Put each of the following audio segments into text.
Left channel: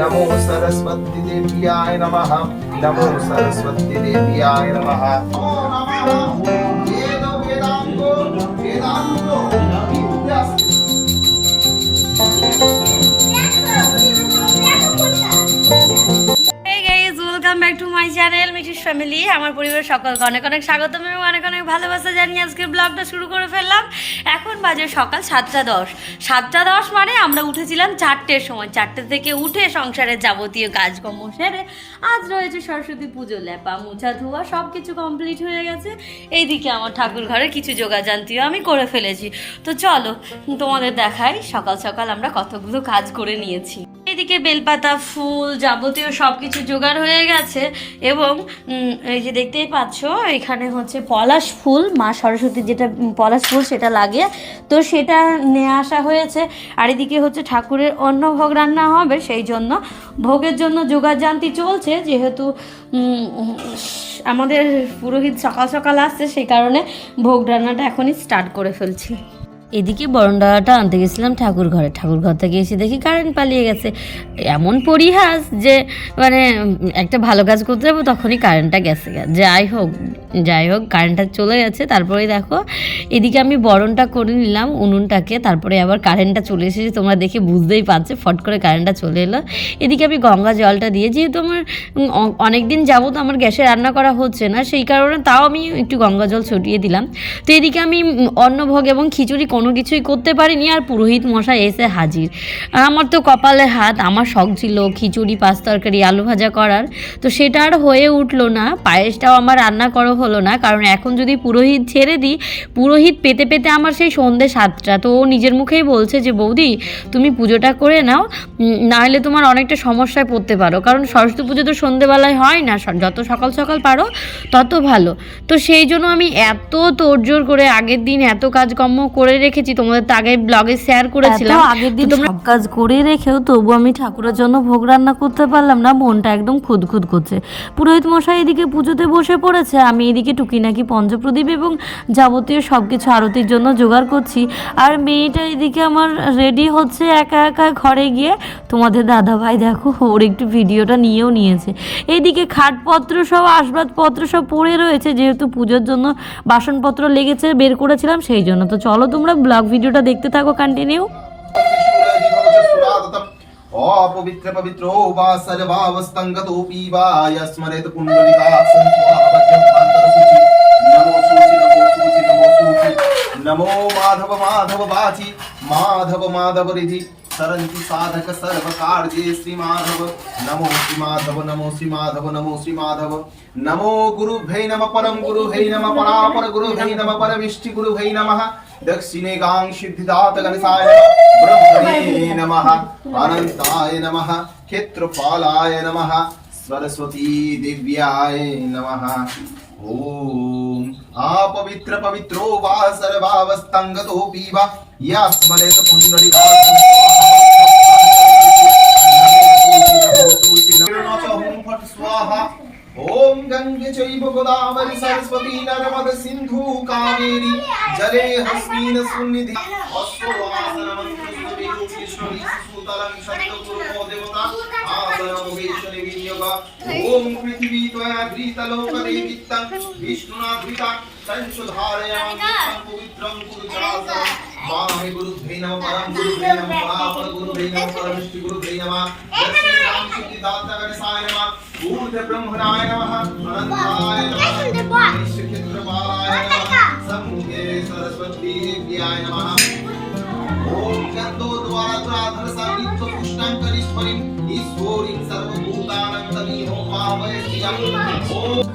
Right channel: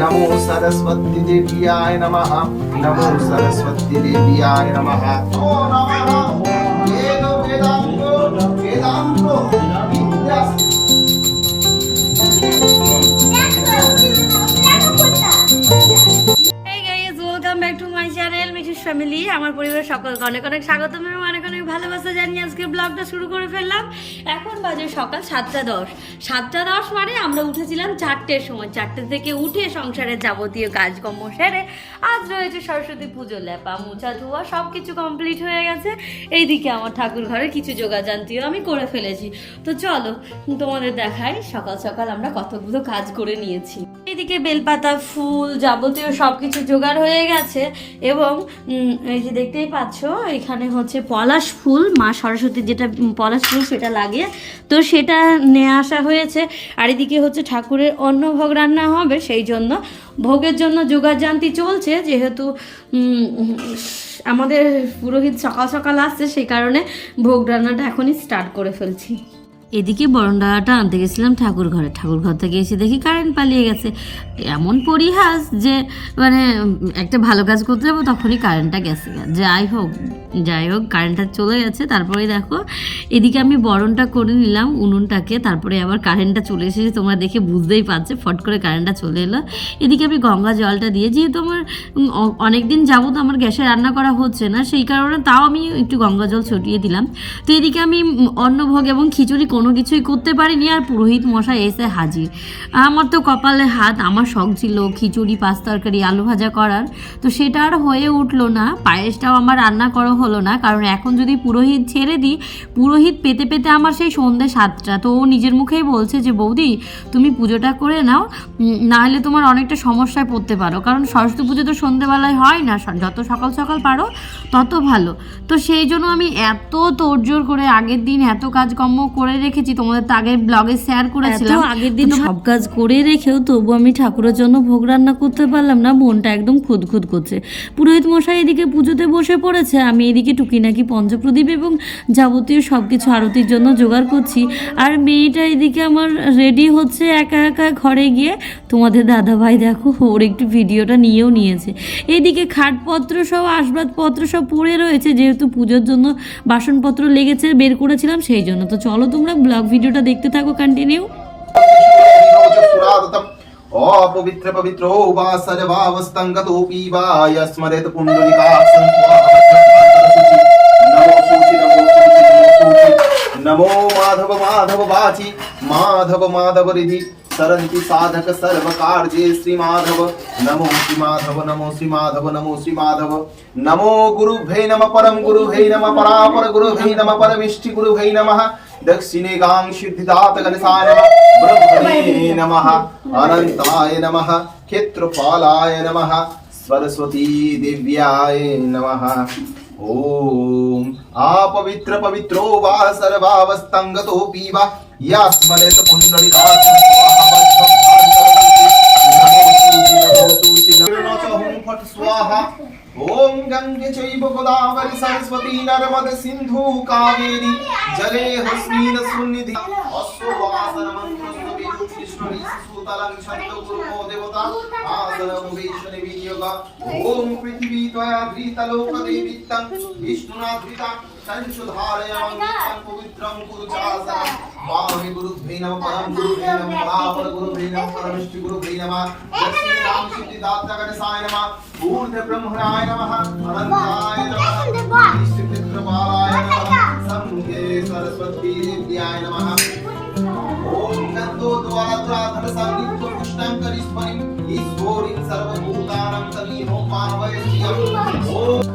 नमो सरस्वती देव्याय नमः। नमो सरस्वती देव्याय नमः। ओ नमः वेद वेदांगो वेदांगो विद्या। Welcome back to my channel Mithi's family. আমার পরিবারের সকলকে অনেক অনেক স্বাগতম এবং অনেক অনেক ভালোবাসা জানিয়ে আজকে ব্লগটা শুরু করে ফেললাম। এখন বাজে সকাল 7:10। 7:10 মানে আমরা উঠেছিলাম 4টের সময়। 4টে থেকে উঠে সংসারের যাবতীয় কাজকর্ম সেরে আজ রয়েছে সরস্বতী পুজো, লেপা মোছা ধোয়া সব কিছু কমপ্লিট হয়ে গেছে। এইদিকে আমার ঠাকুর ঘরের কিছু যোগাযান্তিও আমি করে ফেলেছি। তো চলো তোমাদের দেখাই সকাল সকাল আমরা কতগুলো কাজ করে নিয়েছি। এইদিকে বেলপাতা ফুল যাবতীয় সব কিছু জোগাড় হয়ে গেছে এবং এই যে দেখতেই পাচ্ছ এখানে হচ্ছে পলাশ ফুল, মা সরস্বতীর যেটা পলাশ ফুল সেটা লাগে, তো সেটা নিয়ে আসা হয়েছে। আর এদিকে হচ্ছে ঠাকুরের অন্ন ভোগ রান্না হবে, সেই জন্য ভোগের জন্য যোগাযান্তি চলছে। যেহেতু আমাদের পুরোহিত সকাল সকাল আসছে সেই কারণে ভোগ রান্নাটা এখনই স্টার্ট করে ফেলছি। এদিকে বরণডালাটা আনতে গেছিলাম ঠাকুর ঘরে, ঠাকুর ঘর থেকে এসে দেখি কারেন্ট পালিয়ে গেছে। এমন পরিহাস যে মানে একটা ভালো কাজ করতে যাবো তখনই কারেন্টটা গেছে। যাই হোক কারেন্টটা চলে গেছে। তারপরে দেখো এদিকে আমি বরণটা করে নিলাম উনুনটাকে, তারপরে আবার কারেন্টটা চলে এসেছে, তোমরা দেখে বুঝতেই পারছো ফট করে কারেন্টটা চলে এলো। এদিকে আমি গঙ্গা জলটা দিয়ে, যেহেতু আমার অনেক দিন যাবত আমার গ্যাসে রান্না করা হচ্ছে না সেই কারণে তাও আমি একটু গঙ্গা জল ছটিয়ে দিলাম। তো এদিকে আমি অন্নভোগ এবং খিচুড়ি কোনো কিছুই করতে পারিনি, আর পুরোহিত মশাই এসে হাজির। আমার তো কপালে হাত, আমার শখ ছিল খিচুড়ি পাঁচ তরকারি আলু ভাজা করার, তো সেটা আর হয়ে উঠলো না। পায়েসটাও আমার রান্না করা হলো না, কারণ এখন যদি পুরোহিত ছেড়ে দিই, পুরোহিত পেতে পেতে আমার সেই সন্ধ্যে 7টা। তো ও নিজের মুখেই বলছে যে বৌদি তুমি পুজোটা করে নাও, নাহলে তোমার অনেকটা সমস্যায় পড়তে পারো, কারণ সরস্বতী পুজো তো সন্ধ্যেবেলায় হয় না, যত সকাল সকাল পারো তত ভালো। তো সেই জন্য আমি এত তোড়জোড় করে আগের দিন এত কাজকর্ম করে রেখেছি, তোমাদের তো আগের ব্লগে শেয়ার করেছিলাম। আগের দিন সব কাজ করে রেখেও তবু আমি ঠাকুরের জন্য ভোগ রান্না করতে পারলাম না, মনটা একদম খুদখুদ করছে। পুরোহিত মশাই এদিকে পুজোতে বসে পড়েছে, আমি এদিকে টুকিনাকি পঞ্চপ্রদীপ এবং যাবতীয় সব কিছু আরতির জন্য জোগাড় করছি। আর মেয়েটা এদিকে আমার রেডি হচ্ছে একা একা ঘরে গিয়ে। তোমাদের দাদা ভাই দেখো ওর একটু ভিডিওটা নিয়েও নিয়েছে। এইদিকে খাটপত্র সব আসবাবপত্র সব পড়ে রয়েছে, যেহেতু পুজোর জন্য বাসনপত্র লেগেছে বের করেছিলাম সেই জন্য। তো চলো তোমরা ব্লগ ভিডিওটা দেখতে থাকো কন্টিনিউ। অপবিত্র পবিত্র বা সর্বাবস্তঙ্গতোপি বা স্মরেত পুণ্ডরিকাক্ষং নমো মাধব মাধব বাচি মাধব মাধব রিধি सरन्ति साधक सर्व कार्ये श्री माधव। नमो श्री माधव नमो श्री माधव नमो श्री माधव। नमो गुरुभ्यै नमः परम गुरुभ्यै नमः परापर गुरुभ्यै नमः परमिष्टि गुरुभ्यै नमः। दक्षिणे गां सिद्धिदात गणेशाय नमः। ब्रह्मणे नमः अनंताय नमः। क्षेत्रपालाय नमः। सरस्वती देव्याय नमः। ओम अपवित्र पवित्रो वा सर्वावस्थंगतोपि वा यस्मरेत पुण्डरीकाक्षं स्वाहा। ओम गंगे चैव गोदावरी सरस्वती नर्मदे सिंधु कावेरी जले हस्मिन् सुनिधि अश्ववासन मंत्रस्तुति विष्णुरि सुतलं शब्दपूर्वो देवता आसनं वैष्णवी विनियोग। ओम पृथ्वी त्वया घृतलोकदेवितं विष्णुना घृता संशुधारय मंगलं पवित्रं कुरु चासनं। स्वामी गुरुभ्यै नमः परम गुरुभ्यै नमः परापर गुरुभ्यै नमः परमिष्टि गुरुभ्यै नमः। दक्षिणे गां सिद्धिदाता गणेशाय नमः। ऊर्ध्व ब्रह्मणाय नमः अनंताय नमः क्षेत्रपालाय नमः समुद्रे सरस्वती देव्याय नमः। ओम गन्धोद्वाराधन संगीत पुष्टं करिष्मणि ईश्वरीं सर्वभूतानां तमीनो पावयत्यं। ओम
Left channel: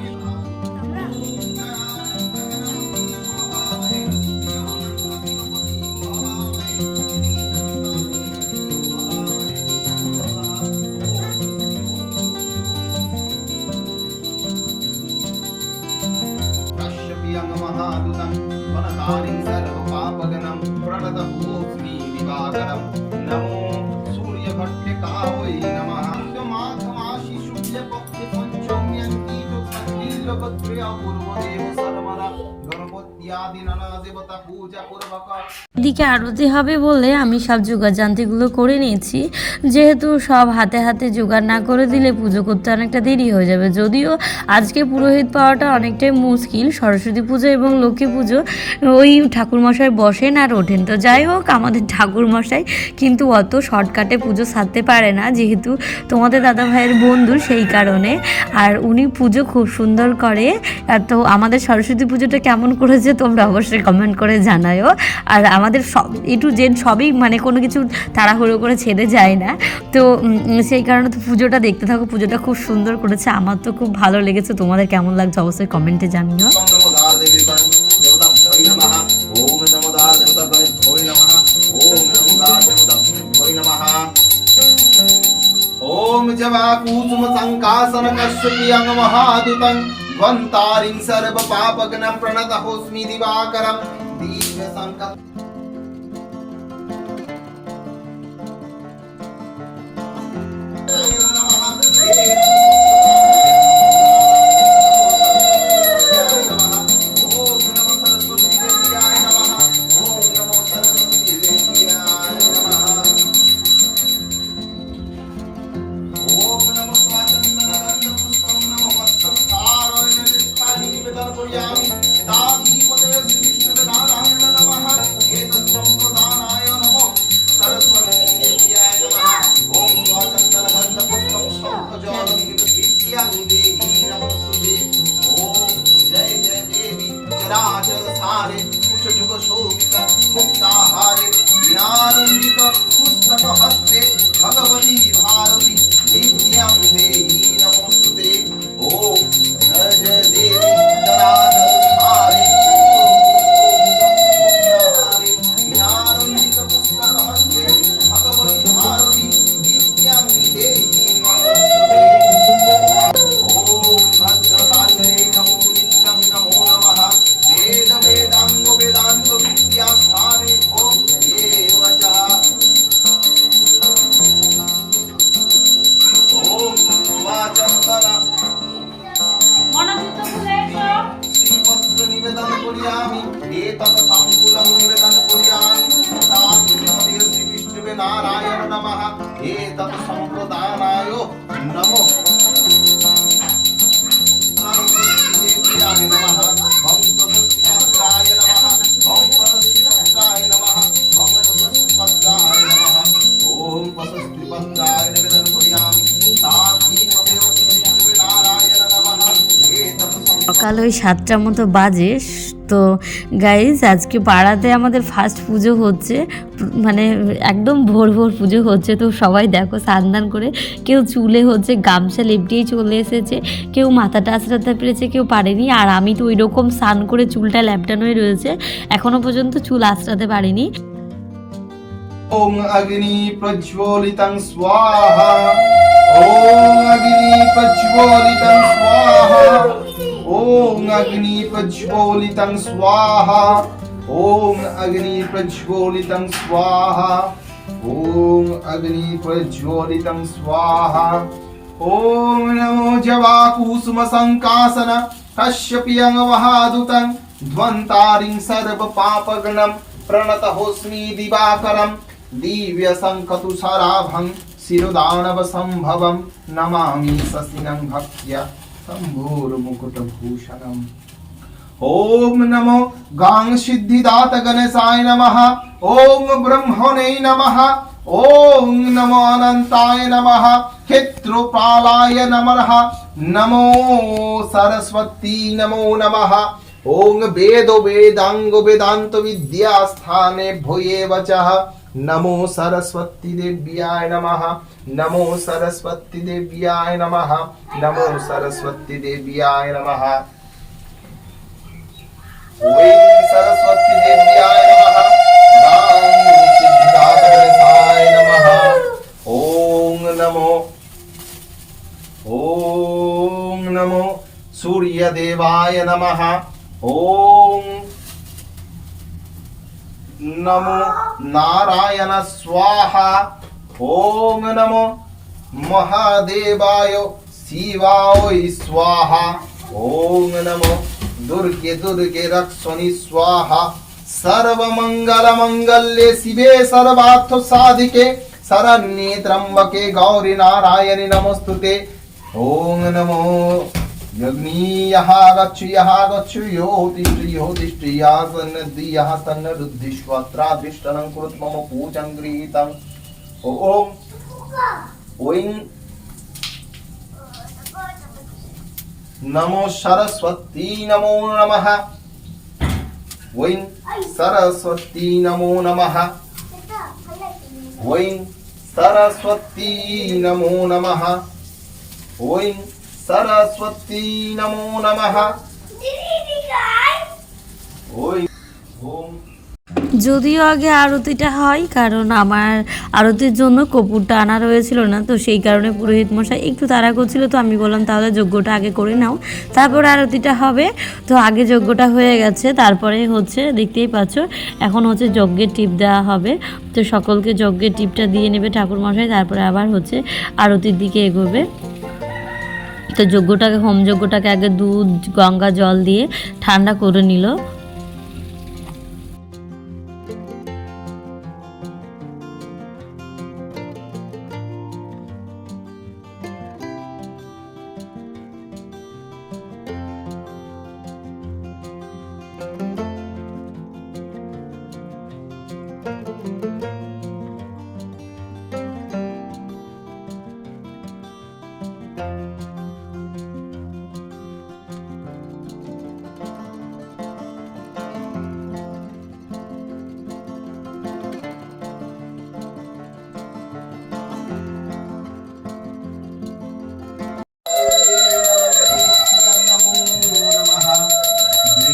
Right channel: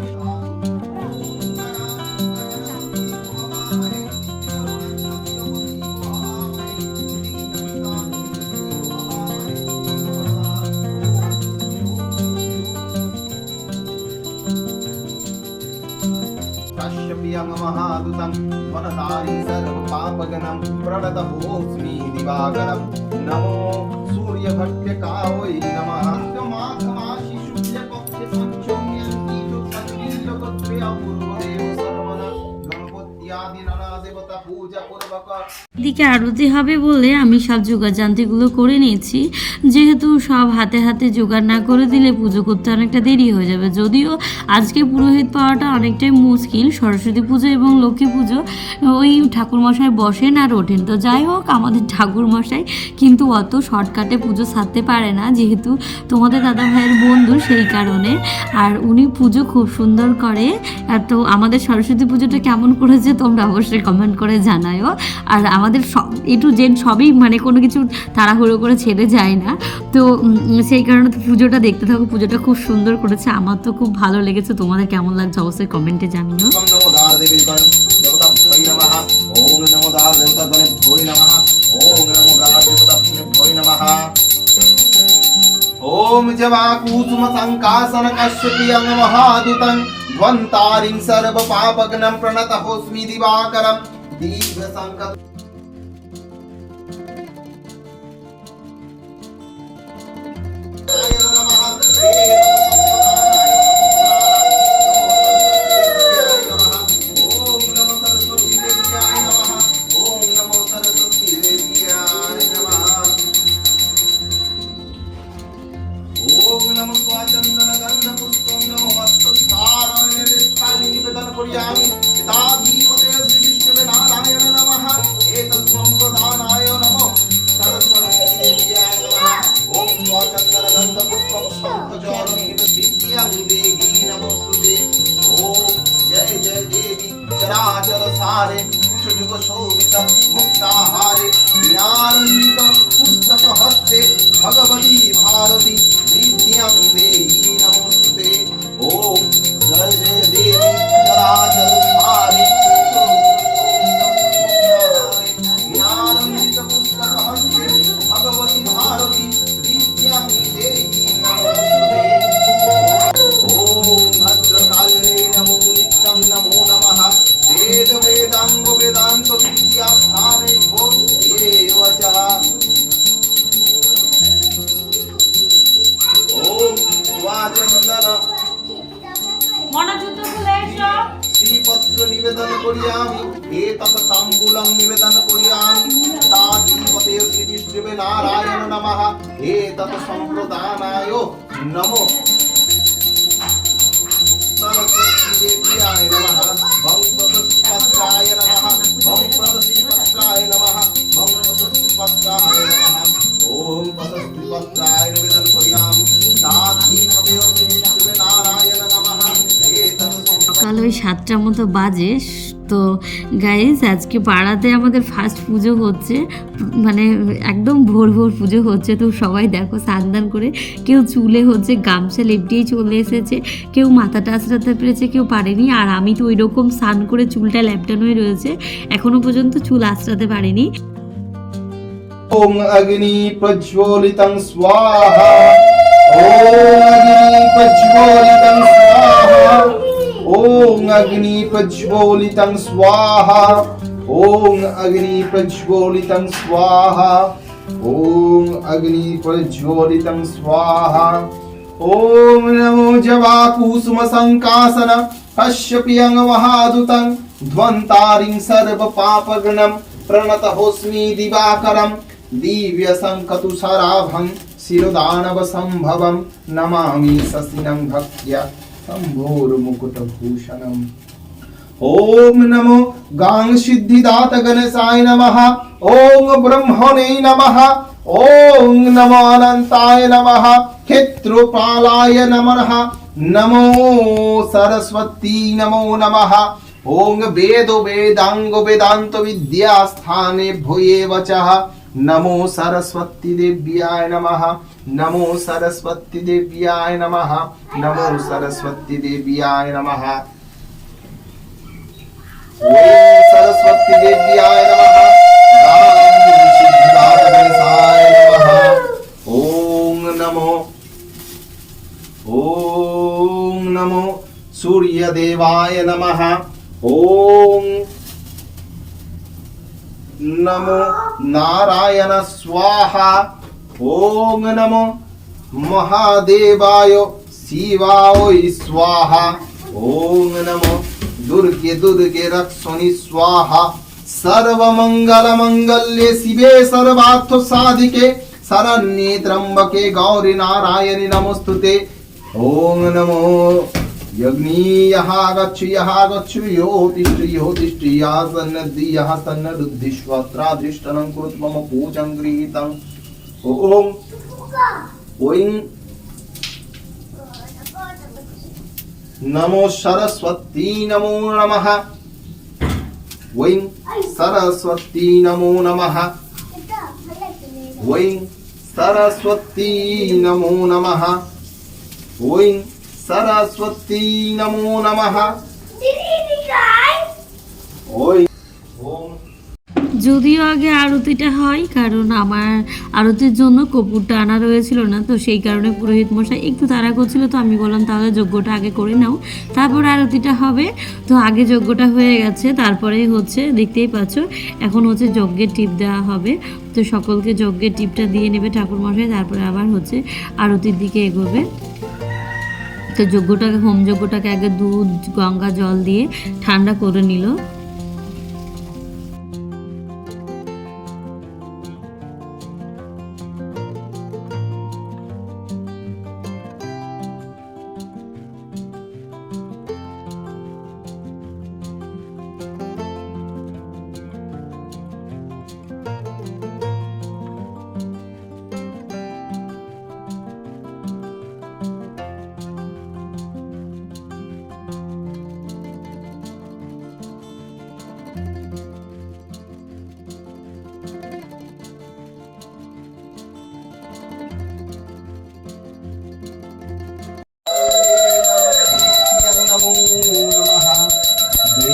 महादुतं वनदारी सर्वपापगणं प्रणतमोऽस्मि दिवाकरं। नमो सूर्यभट्टकावै नमः। माघमासि शुक्लपक्षपञ्चम्यन्ति शुक्लपत्रे अपूर्वदेव सर्वदा गणपत्यादिनन देवता पूजा पूर्वक এদিকে আরতি হবে বলে আমি সব জোগাড়যন্ত্রগুলো করে নিয়েছি, যেহেতু সব হাতে হাতে জোগাড় না করে দিলে পুজো করতে অনেকটা দেরি হয়ে যাবে। যদিও আজকে পুরোহিত পাওয়াটা অনেকটাই মুশকিল, সরস্বতী পুজো এবং লক্ষ্মী পুজো ওই ঠাকুরমশাই বসেন আর ওঠেন। তো যাই হোক, আমাদের ঠাকুরমশাই কিন্তু অত শর্টকাটে পুজো সারতে পারে না, যেহেতু তোমাদের দাদা ভাইয়ের বন্ধু সেই কারণে। আর উনি পুজো খুব সুন্দর করে। আর তো আমাদের সরস্বতী পুজোটা কেমন করেছে তোমরা অবশ্যই কমেন্ট করে জানায়ও। আর আমাদের সব এ টু জেড সবই মানে কোনো কিছু তাড়াহুড়ো করে ছেড়ে যায় না। তো সেই কারণে তো পুজোটা দেখতে থাকো, পুজোটা খুব সুন্দর করেছে, আমার তো খুব ভালো লেগেছে। তোমাদের কেমন লাগছে অবশ্যই কমেন্টে জানিও। ओम जवाकुसुम संकासन कश्यपियं महादुतं ध्वंतारिं सर्व पापग्नं प्रणतहोस्मि दिवाकरं दिव्य संकल्प मुक्ताहारे ज्ञाननित पुस्तक हस्ते भगवती भारती विद्यां देहि नमोस्तुते। ओम जय जय देवी चराचर सारे ज्ञाननित पुस्तक हस्ते भगवती भारती विद्यां देहि नमोस्तुते। ओम भद्रकाले नमो नित्यं नमो नमः। वेद वेदांग वेदांत विद्या स्थाने भो एवचः। ओम स्वाचंदन মনোযুক্ত খুলে এসো। শ্রীপত্র নিবেদন করিয়ামি এতৎ তাম্বুলং নিবেদন করিয়ামি তাধিপতে শ্রী বিষ্ণুবে নারায়ণ নমঃ এতৎ সম্প্রদানায় নমো সরস্বতী দেব্যায় নমঃ ভক্তস্পত্রায় নমঃ ভক্তস্পত্রায় নমঃ ভক্তস্পত্রায় নমঃ। ওম পতস্পত্রায় নিবেদন করিয়ামি তাধিপতে শ্রী বিষ্ণুবে নারায়ণ নমঃ এতৎ সকাল ওই 7টার মতো বাজে। তো গাইজ আজকে পাড়াতে আমাদের ফার্স্ট পুজো হচ্ছে, মানে একদম ভোর ভোর পুজো হচ্ছে। তো সবাই দেখো স্নান করে, কেউ চুলে হচ্ছে গামছা লেপটেই চলে এসেছে, কেউ মাথাটা আঁচড়াতে পেরেছে, কেউ পারেনি। আর আমি তো ওই রকম স্নান করে চুলটা ল্যাপটানোই রয়েছে, এখনো পর্যন্ত চুল আঁচড়াতে পারিনি। ओम अग्नि प्रज्वलितं स्वाहा ओम अग्नि प्रज्वलितं स्वाहा ओम अग्नि प्रज्वलितं स्वाहा ओम अग्नि प्रज्वलितं स्वाहा ओम अग्नि प्रज्वलितं स्वाहा। ओम नमो जवाकुसुम संकासन कश्यपियं महादुतं ध्वंतारिं सर्व पापगणं प्रणतहोस्मि दिवाकरं दिव्य संकतुषाराभं शिरोदानव संभवं नमामि शशिनं भक्त्या शम्भोर्मुकुटभूषणम्। ओम नमो गांग सिद्धिदात गणेशाय नमः ओम ब्रह्मणे नमः ओम नमो अनंताय नमः क्षेत्रपालाय नमः नमो सरस्वती नमो नमः। ओम वेदो वेदांग वेदांत विद्या स्थाने भूये वचः नमो सरस्वती देव्याय नमः नमो सरस्वती देव्याय नमः नमो सरस्वती देव्याय नमः। ओम सरस्वती देव्याय नमः गां सिद्धिदात गणेशाय नमः ओम नमो सूर्य देवाय नमः ओम नमो नारायण स्वाहा ओम नमो महादेवाय शिवाय स्वाहा ओम नमो दुर्गे दुर्गे रक्षोनि स्वाहा सर्वमंगल मंगल्ये शिवे सर्वार्थ साधिके शरण्ये त्र्यंबके गौरी नारायणि नमोस्तुते। ओम नमो यज्ञी यहा गच्छ यो तिष्ठ यः सन्न बुद्धिष्वत्रा दृष्टनं कृत मम पूजं गृहीतं। ओम ओं नमो सरस्वती नमो नमः। ओं सरस्वती नमो नमः। ओं सरस्वती नमो नमः। ओं सरस्वती नमो नमः। ओं ओम যদিও আগে আরতিটা হয়, কারণ আমার আরতির জন্য কপুরটা আনা রয়েছিল না, তো সেই কারণে পুরোহিত মশাই একটু তাড়া করছিল। তো আমি বললাম তাহলে যজ্ঞটা আগে করে নাও, তারপর আরতিটা হবে। তো আগে যজ্ঞটা হয়ে গেছে, তারপরে হচ্ছে দেখতেই পাচ্ছ এখন হচ্ছে যজ্ঞের টিপ দেওয়া হবে। তো সকলকে যজ্ঞের টিপটা দিয়ে নেবে ঠাকুর মশাই, তারপরে আবার হচ্ছে আরতির দিকে এগোবে। তো যজ্ঞটাকে হোম যজ্ঞটাকে আগে দুধ গঙ্গা জল দিয়ে ঠান্ডা করে নিল।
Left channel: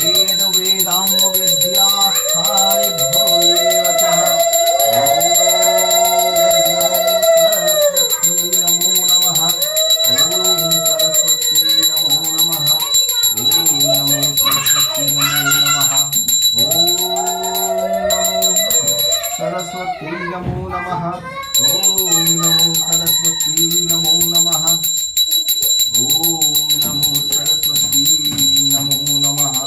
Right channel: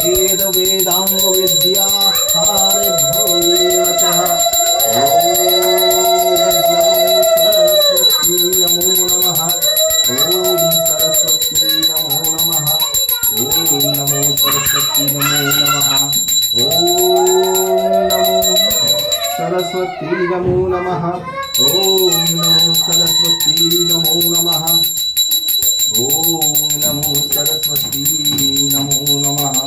वेद वेदांग विद्या स्थानेभ्यो ये वचः। ओम सरस्वती नमो नमः। ओम नमो सरस्वती नमो नमः। ओम सरस्वती नमो नमः। ओम नमो सरस्वती नमो नमः। ओम नमो सरस्वती नमो नमः।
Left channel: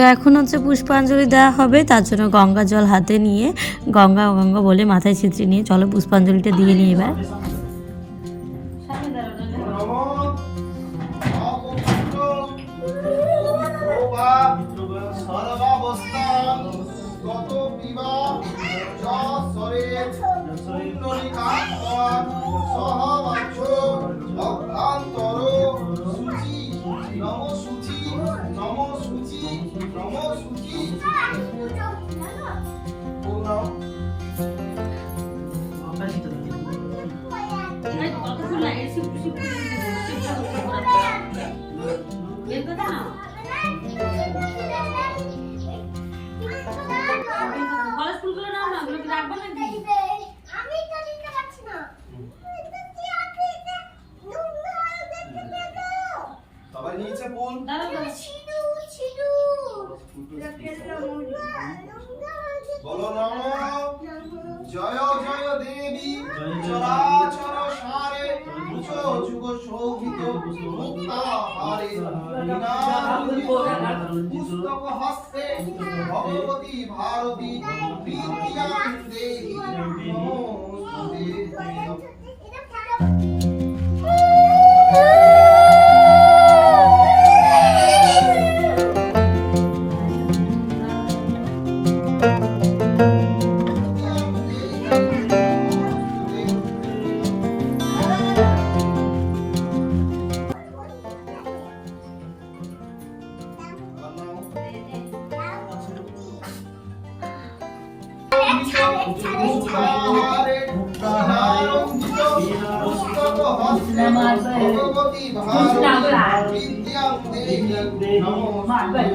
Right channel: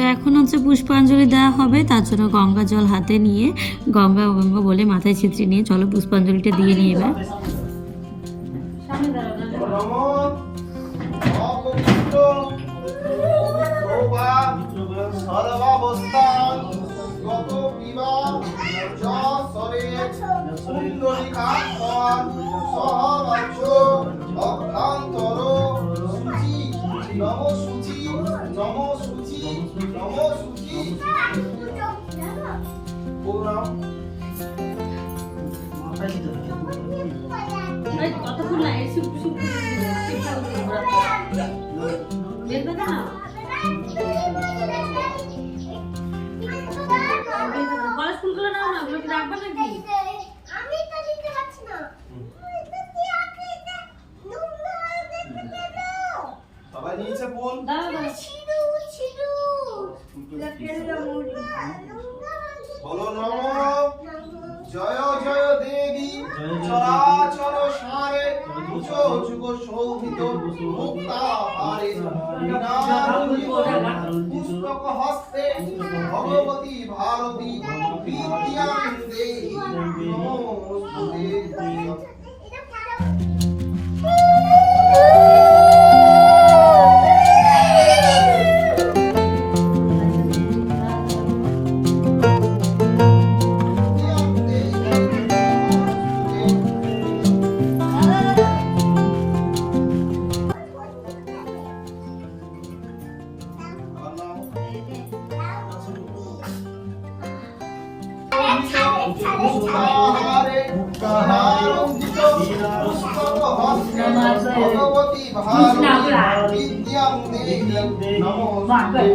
তো এখন হচ্ছে পুষ্পাঞ্জলি দেওয়া হবে, তার জন্য গঙ্গা জল হাতে নিয়ে গঙ্গা গঙ্গা বলে মাথায় ছিটে নিয়ে চলো পুষ্পাঞ্জলিটা দিয়ে নিয়ে এবার। সবাই নিয়েছে ফুল? বলো নমো জয় জয় দেবী চরাচর সারে উচো যুগ শোভিত মুক্তাহারে পুস্তক হস্তে ভগবতী ভারতী বিদ্যাং দেহি নমোস্তুতে। ভগবতী ভারতী বিদ্যাং দেহি নমোস্তুতে।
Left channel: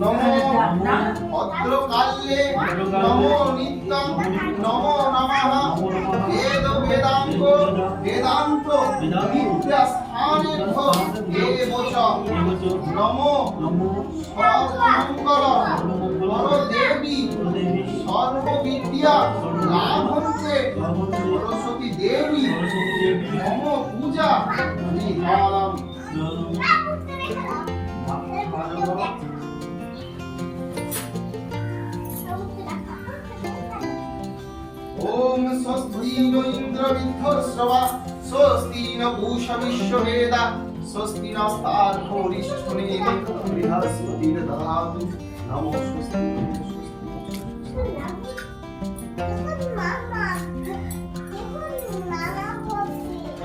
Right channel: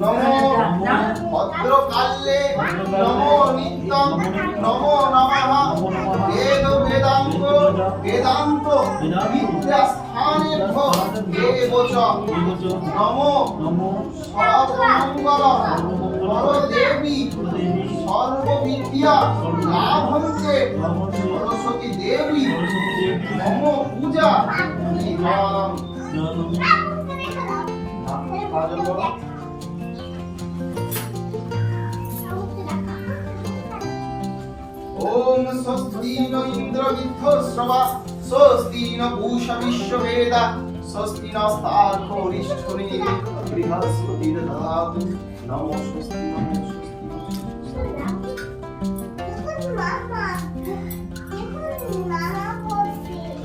নমো ভদ্রকাল্যে নমো নিত্যং নমো নমঃ বেদ বেদাঙ্গ বেদান্ত বিদ্যাস্থানেভ্যো এবচ নমো সর্বমঙ্গল পরদেবী সর্ববিদ্যা লাভন্তে সরস্বতী দেবী নম পূজা নিধানম। ओम स्वस्ति न इंद्र विद्धश्रवा स्वस्ति न पूषा विश्ववेदा स्वस्ति नस्तार्क्ष्यो अरिष्ठनेमिः बृहस्पतिर्दधातु नमो स्वस्ति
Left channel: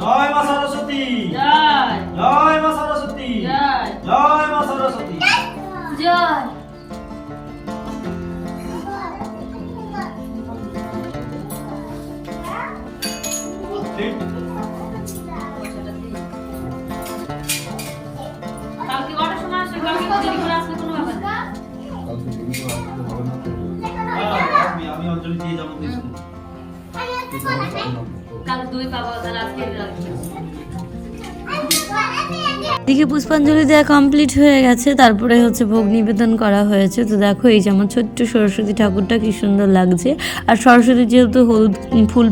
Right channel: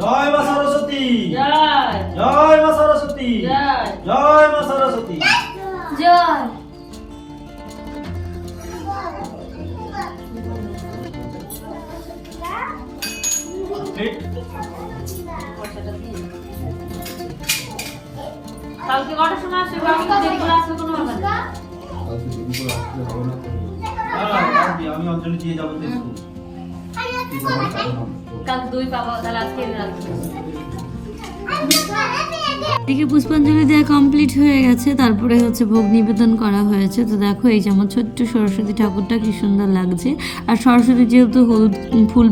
জয় মা সরস্বতী জয় মা সরস্বতী জয় মা সরস্বতী জয়। কালকে কটার সময় আসবে? কালকে দেরি করে আসলে কোনো ব্যাপার না। আমি অঞ্জলি দিয়ে যাবো দেখতে। কাল দই পাবো, তাহলে আজকে এদিকে পুষ্পাঞ্জলি দেওয়া কমপ্লিট হয়ে গেছে, তারপরে হচ্ছে ভোগ নিবেদন করা হয়েছে। তো দেখো এই যে আমার ছোট্ট সরস্বতী ঠাকুরটা কি সুন্দর লাগছে। আর সরস্বতী যেহেতু হলুদ ফুল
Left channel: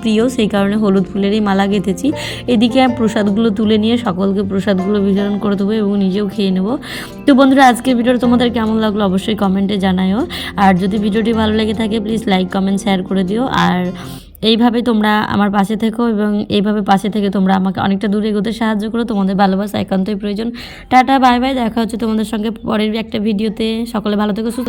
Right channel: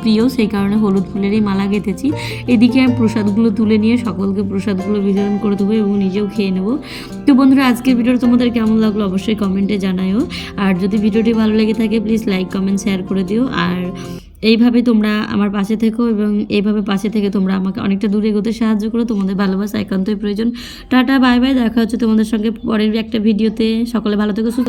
প্রিয়, সেই কারণে হলুদ ফুলেরই মালা গেঁথেছি। এদিকে আমি প্রসাদগুলো তুলে নিয়ে সকলকে প্রসাদগুলো বিতরণ করে দেবো এবং নিজেও খেয়ে নেবো। তো বন্ধুরা, আজকের ভিডিওটা তোমাদের কেমন লাগলো অবশ্যই কমেন্টে জানাও। আর যদি ভিডিওটি ভালো লেগে থাকে প্লিজ লাইক কমেন্ট শেয়ার করে দিও। আর এইভাবে তোমরা আমার পাশে থেকো এবং এইভাবে পাশে থেকে তোমরা আমাকে অনেকটা দূরে এগোতে সাহায্য করো। তোমাদের ভালোবাসা একান্তই প্রয়োজন। টাটা বাই বাই, দেখা হচ্ছে তোমাদের সঙ্গে পরের একটা ভিডিওতে। সকলে ভালো থেকো, সুস্থ।